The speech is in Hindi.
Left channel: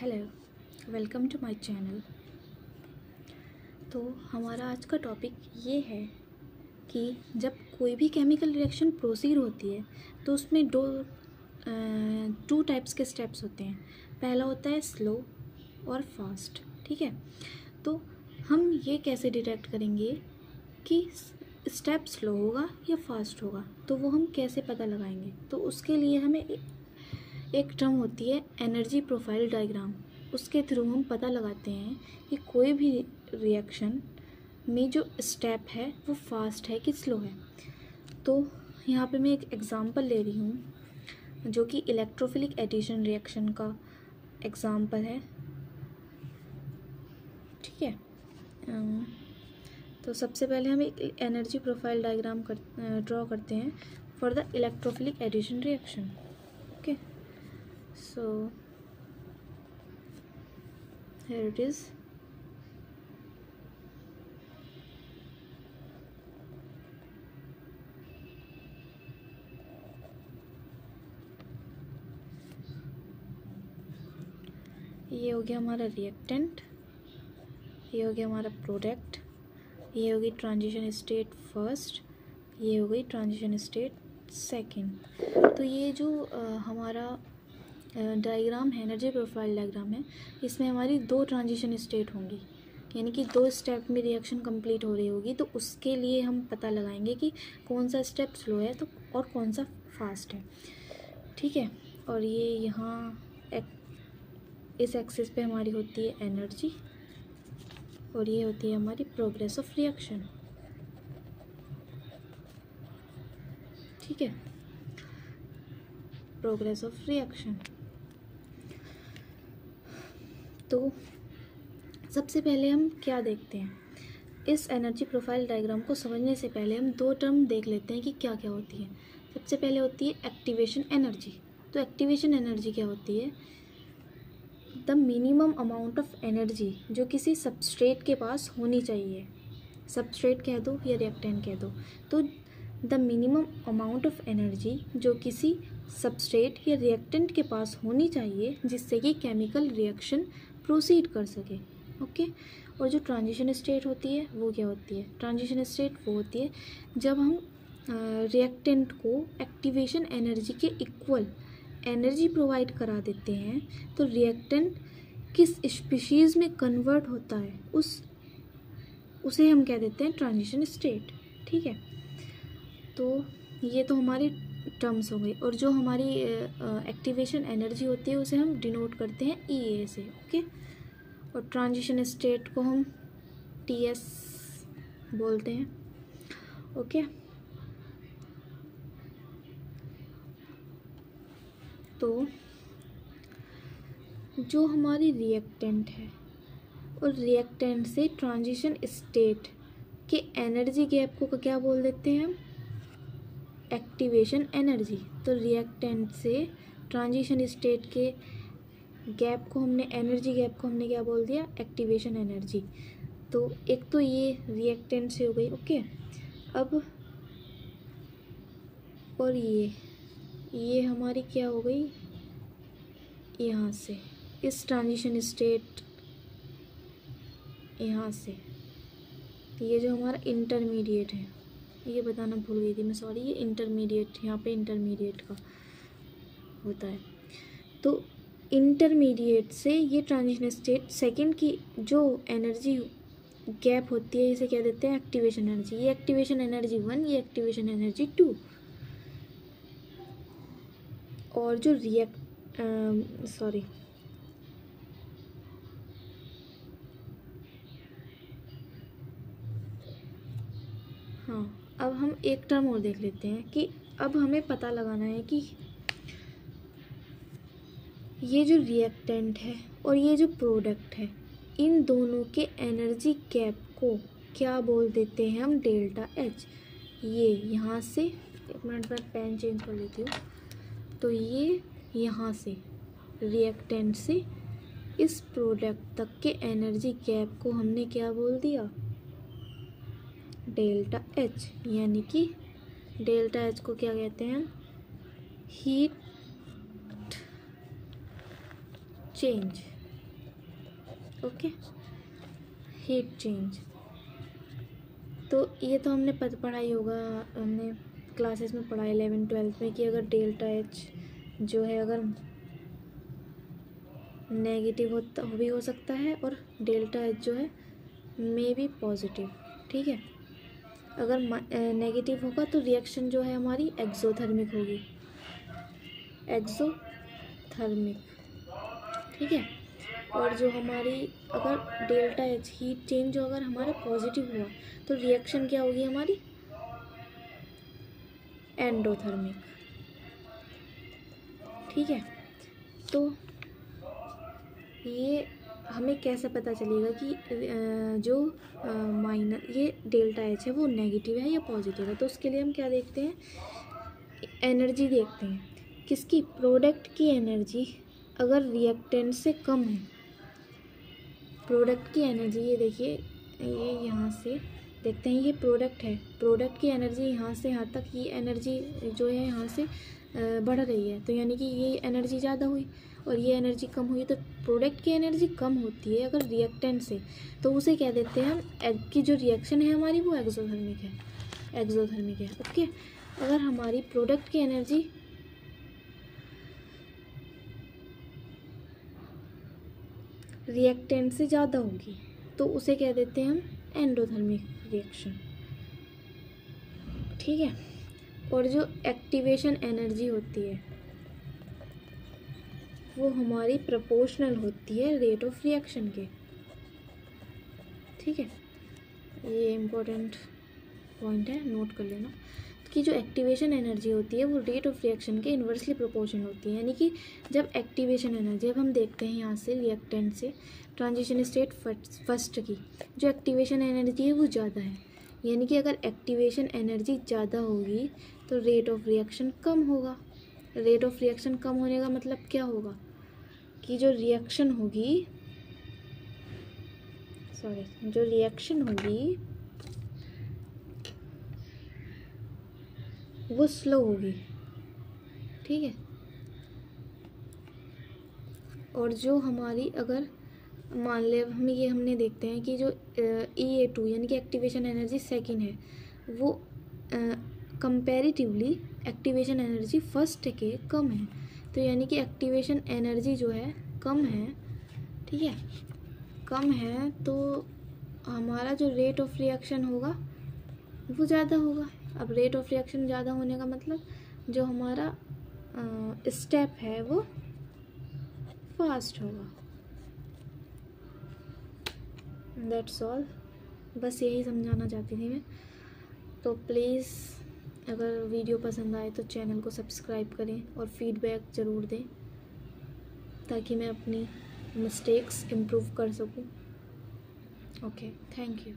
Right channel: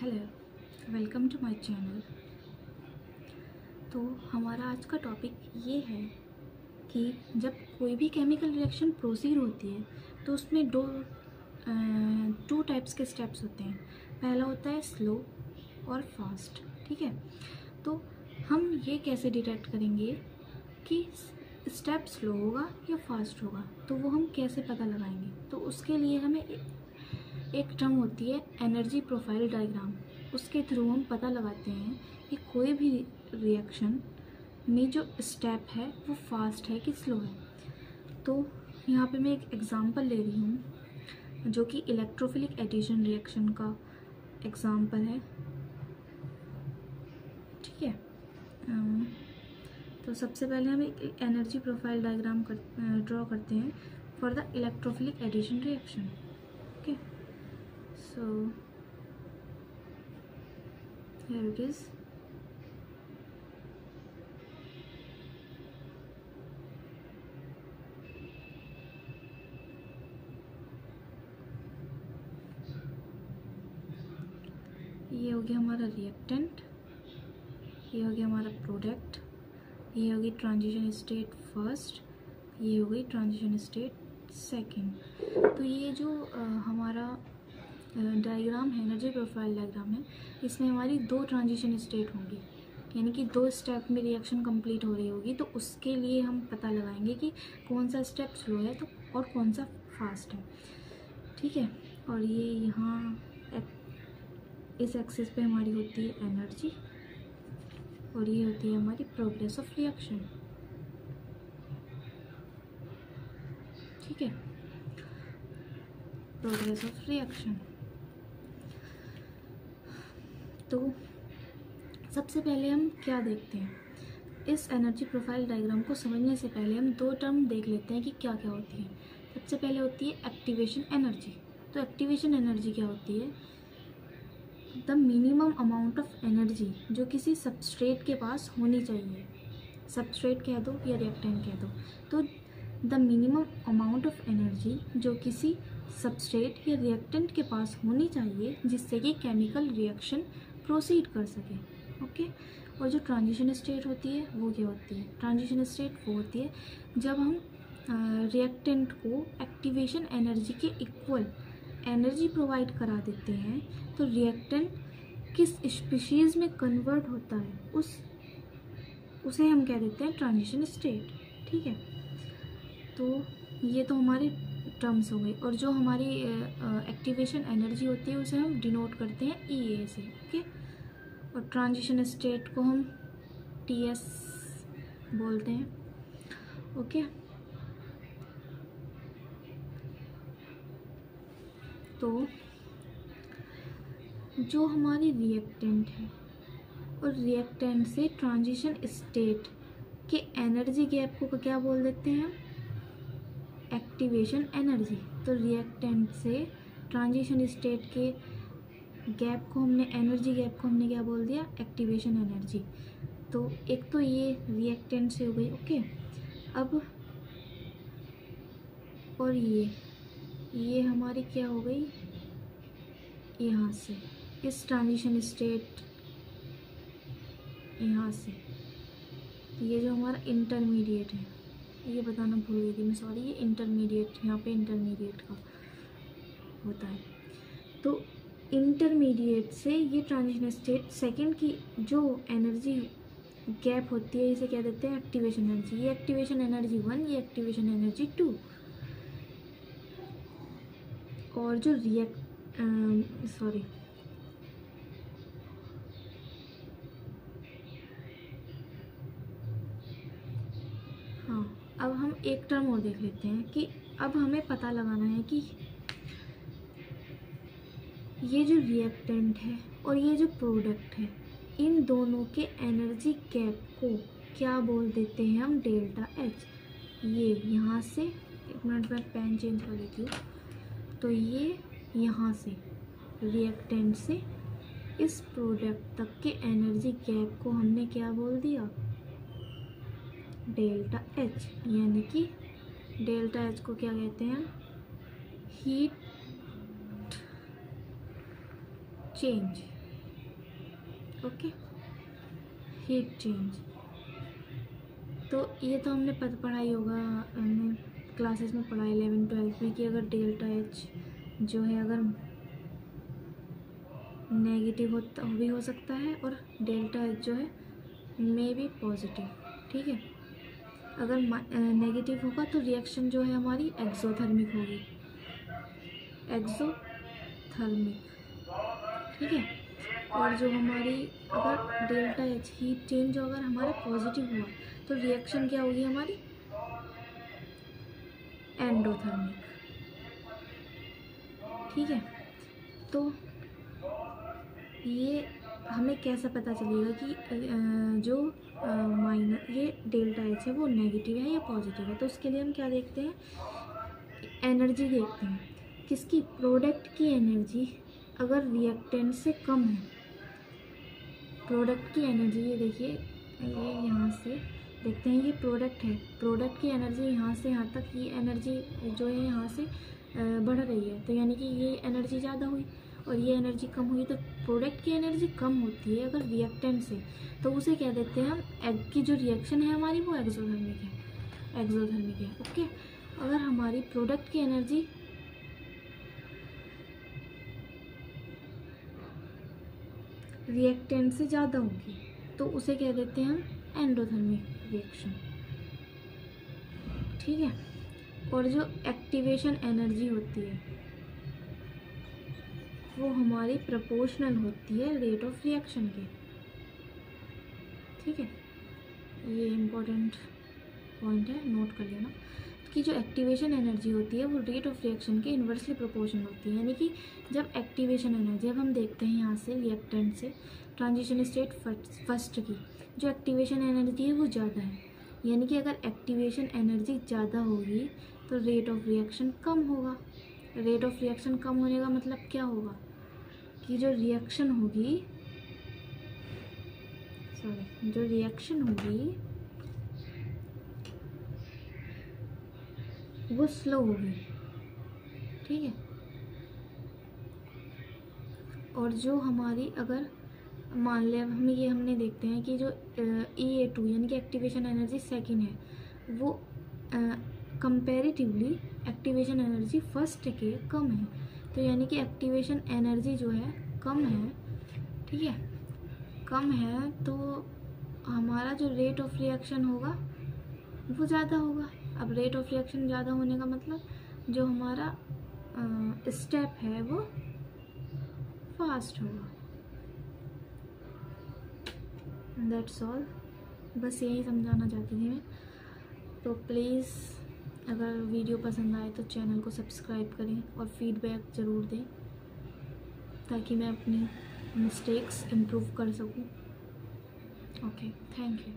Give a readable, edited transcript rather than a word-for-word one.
Hello, welcome to my channel. तो हमारा आज का टॉपिक ये है कि जब कोई भी केमिकल रिएक्शन प्रोसीड होती है तो उसमें टू टाइप्स के स्टेप्स होते हैं। पहला होता है स्लो और फास्ट। ठीक है, तो हम ये कैसे डिटेक्ट करेंगे कि स्टेप स्लो होगा या फास्ट होगा, तो वो हम कैसे पता लगाएंगे। तो उसके लिए हमें एक टर्म होती है एनर्जी प्रोफाइल डायग्राम। उसके थ्रू हम पता लगाते हैं कि कोई भी रिएक्शन में जो स्टेप है वो फास्ट है कि स्लो है। तो यहाँ पे मैं एक एग्ज़ाम्पल ले रही हूँ जो कि इलेक्ट्रोफिलिक एडिशन रिएक्शन का एग्ज़ाम्पल है। ठीक है, तो सबसे पहले हम एक एनर्जी प्रोफाइल डायग्राम ड्रॉ करते हैं for the electrophilic addition reaction. Okay, so here it is. ये हो गया हमारा रिएक्टेंट, ये हो गया हमारा प्रोडक्ट, ये हो गई ट्रांजिशन स्टेट फर्स्ट, ये हो गई ट्रांजिशन स्टेट सेकंड। तो ये जो हमारा डायग्राम है, एनर्जी प्रोफाइल डायग्राम है, इसमें हमारी दो ट्रांजिशन स्टेट होंगी, यानी कि दो स्टेप में रिएक्शन कंप्लीट हो रही होगी। तो उसके लिए हम पता लगाएंगे कि कौन सा स्टेप स्लो है तो और कौन सा फास्ट है। ठीक है, और ये यहाँ इस एक्सिस पे हमारी होती है एनर्जी और ये होती है हमारी प्रोग्रेस ऑफ रिएक्शन। ठीक है, प्रोग्रेस ऑफ रिएक्शन। तो सबसे पहले हम क्या देखते हैं, इस एनर्जी प्रोफाइल डायग्राम को समझने से पहले हम दो टर्म देख लेते हैं कि क्या क्या होती है। सबसे पहले होती है एक्टिवेशन एनर्जी। तो एक्टिवेशन एनर्जी क्या होती है? The minimum amount of energy जो किसी सबस्ट्रेट के पास होनी चाहिए, सबस्ट्रेट कह दो या रिएक्टेंट कह दो, तो the minimum amount of energy जो किसी सबस्ट्रेट या रिएक्टेंट के पास होनी चाहिए जिससे कि केमिकल रिएक्शन प्रोसीड कर सके। ओके, और जो ट्रांजिशन स्टेट होती है वो क्या होती है? ट्रांजिशन स्टेट वो होती है जब हम रिएक्टेंट को एक्टिवेशन एनर्जी के इक्वल एनर्जी प्रोवाइड करा देते हैं, तो रिएक्टेंट किस स्पीशीज़ में कन्वर्ट होता है उसे हम कह देते हैं ट्रांजिशन स्टेट। ठीक है, तो ये तो हमारी टर्म्स हो गई। और जो हमारी एक्टिवेशन एनर्जी होती है उसे हम डिनोट करते हैं EA से। ओके, और ट्रांजिशन स्टेट को हम TS बोलते हैं। ओके, तो जो हमारी रिएक्टेंट है और रिएक्टेंट से ट्रांजिशन स्टेट के एनर्जी गैप को क्या बोल देते हैं हम? Activation energy. तो रिएक्टेंट से ट्रांजिशन स्टेट के गैप को हमने, एनर्जी गैप को हमने क्या बोल दिया? Activation energy. तो एक तो ये रिएक्टेंट से हो गई। ओके, अब और ये हमारी क्या हो गई? यहाँ से इस ट्रांजिशन स्टेट, यहाँ से ये जो हमारा इंटरमीडिएट है, ये बताना भूल गई थी मैं, सॉरी। ये इंटरमीडिएट, यहाँ पे इंटरमीडिएट का होता है। तो इंटरमीडिएट से ये ट्रांजिशन स्टेट सेकंड की जो एनर्जी गैप होती है इसे क्या देते हैं? Activation energy. ये एक्टिवेशन एनर्जी 1, ये एक्टिवेशन एनर्जी 2। और जो अब हम एक टर्म और देख लेते हैं कि अब हमें पता लगाना है कि ये जो रिएक्टेंट है और ये जो प्रोडक्ट है, इन दोनों के एनर्जी गैप को क्या बोल देते हैं हम? Delta H। ये यहाँ से, एक मिनट में पेन चेंज कर लेती हूँ। तो ये यहाँ से रिएक्टेंट से इस प्रोडक्ट तक के एनर्जी गैप को हमने क्या बोल दिया? Delta H। यानी कि डेल्टा H को क्या कहते हैं? Heat change. Okay. Heat change, तो ये तो हमने पढ़ा ही होगा, हमने क्लासेस में पढ़ा 11th-12th में कि अगर डेल्टा एच जो है अगर नेगेटिव होता भी हो सकता है और डेल्टा एच जो है मे बी पॉजिटिव। ठीक है, अगर नेगेटिव होगा तो रिएक्शन जो है हमारी एक्सोथर्मिक होगी, एक्सोथर्मिक। ठीक है, और जो हमारी अगर डेल्टा एच हीट चेंज जो अगर हमारा पॉजिटिव हुआ तो रिएक्शन क्या होगी हमारी, एंडोथर्मिक। ठीक है, तो ये हमें कैसे पता चलेगा कि जो माइनस ये डेल्टा एच है वो नेगेटिव है या पॉजिटिव है? तो उसके लिए हम क्या देखते हैं, एनर्जी देखते हैं किसकी, प्रोडक्ट की एनर्जी अगर रिएक्टेंट से कम है, प्रोडक्ट की एनर्जी, ये देखिए ये यहाँ से देखते हैं, ये प्रोडक्ट है, प्रोडक्ट की एनर्जी यहाँ से यहाँ तक, ये एनर्जी जो है यहाँ से बढ़ रही है, तो यानी कि ये एनर्जी ज़्यादा हुई और ये एनर्जी कम हुई, तो प्रोडक्ट की एनर्जी कम होती है अगर रिएक्टेंट से, तो उसे क्या देते हैं हम, एग की जो रिएक्शन है हमारी वो एक्सोथर्मिक है, एक्सोथर्मिक है। ओके, अगर हमारी प्रोडक्ट की एनर्जी रिएक्टेंट से ज़्यादा होगी तो उसे क्या देते हैं हम, एंडोथर्मिक रिएक्शन। ठीक है, और जो एक्टिवेशन एनर्जी होती है वो हमारी प्रोपोर्शनल होती है रेट ऑफ रिएक्शन के। ठीक है, ये इम्पोर्टेंट पॉइंट है, नोट कर लेना कि जो एक्टिवेशन एनर्जी होती है वो रेट ऑफ रिएक्शन के इन्वर्सली प्रोपोर्शनल होती है, यानी कि जब एक्टिवेशन एनर्जी, अब हम देखते हैं यहाँ से रिएक्टेंट से ट्रांजिशन स्टेट फर्स्ट की जो एक्टिवेशन एनर्जी है वो ज़्यादा है, यानी कि अगर एक्टिवेशन एनर्जी ज़्यादा होगी तो रेट ऑफ रिएक्शन कम होगा। रेट ऑफ रिएक्शन कम होने का मतलब क्या होगा कि जो रिएक्शन होगी, जो रिएक्शन होगी वो स्लो होगी। ठीक है, और जो हमारी अगर मान लें हम ये हमने देखते हैं कि जो EA2 यानी कि एक्टिवेशन एनर्जी सेकंड है वो कंपैरेटिवली एक्टिवेशन एनर्जी फर्स्ट के कम है, तो यानी कि एक्टिवेशन एनर्जी जो है कम है। ठीक है, कम है तो हमारा जो रेट ऑफ रिएक्शन होगा वो ज़्यादा होगा। अब रेट ऑफ रिएक्शन ज़्यादा होने का मतलब जो हमारा स्टेप है वो फास्ट होगा। दैट्स ऑल, बस यही समझाना चाहती थी मैं। तो प्लीज़ अगर वीडियो पसंद आए तो चैनल को सब्सक्राइब करें और फीडबैक ज़रूर दें ताकि मैं अपनी मिस्टेक्स इम्प्रूव कर सकूं। Okay, thank you.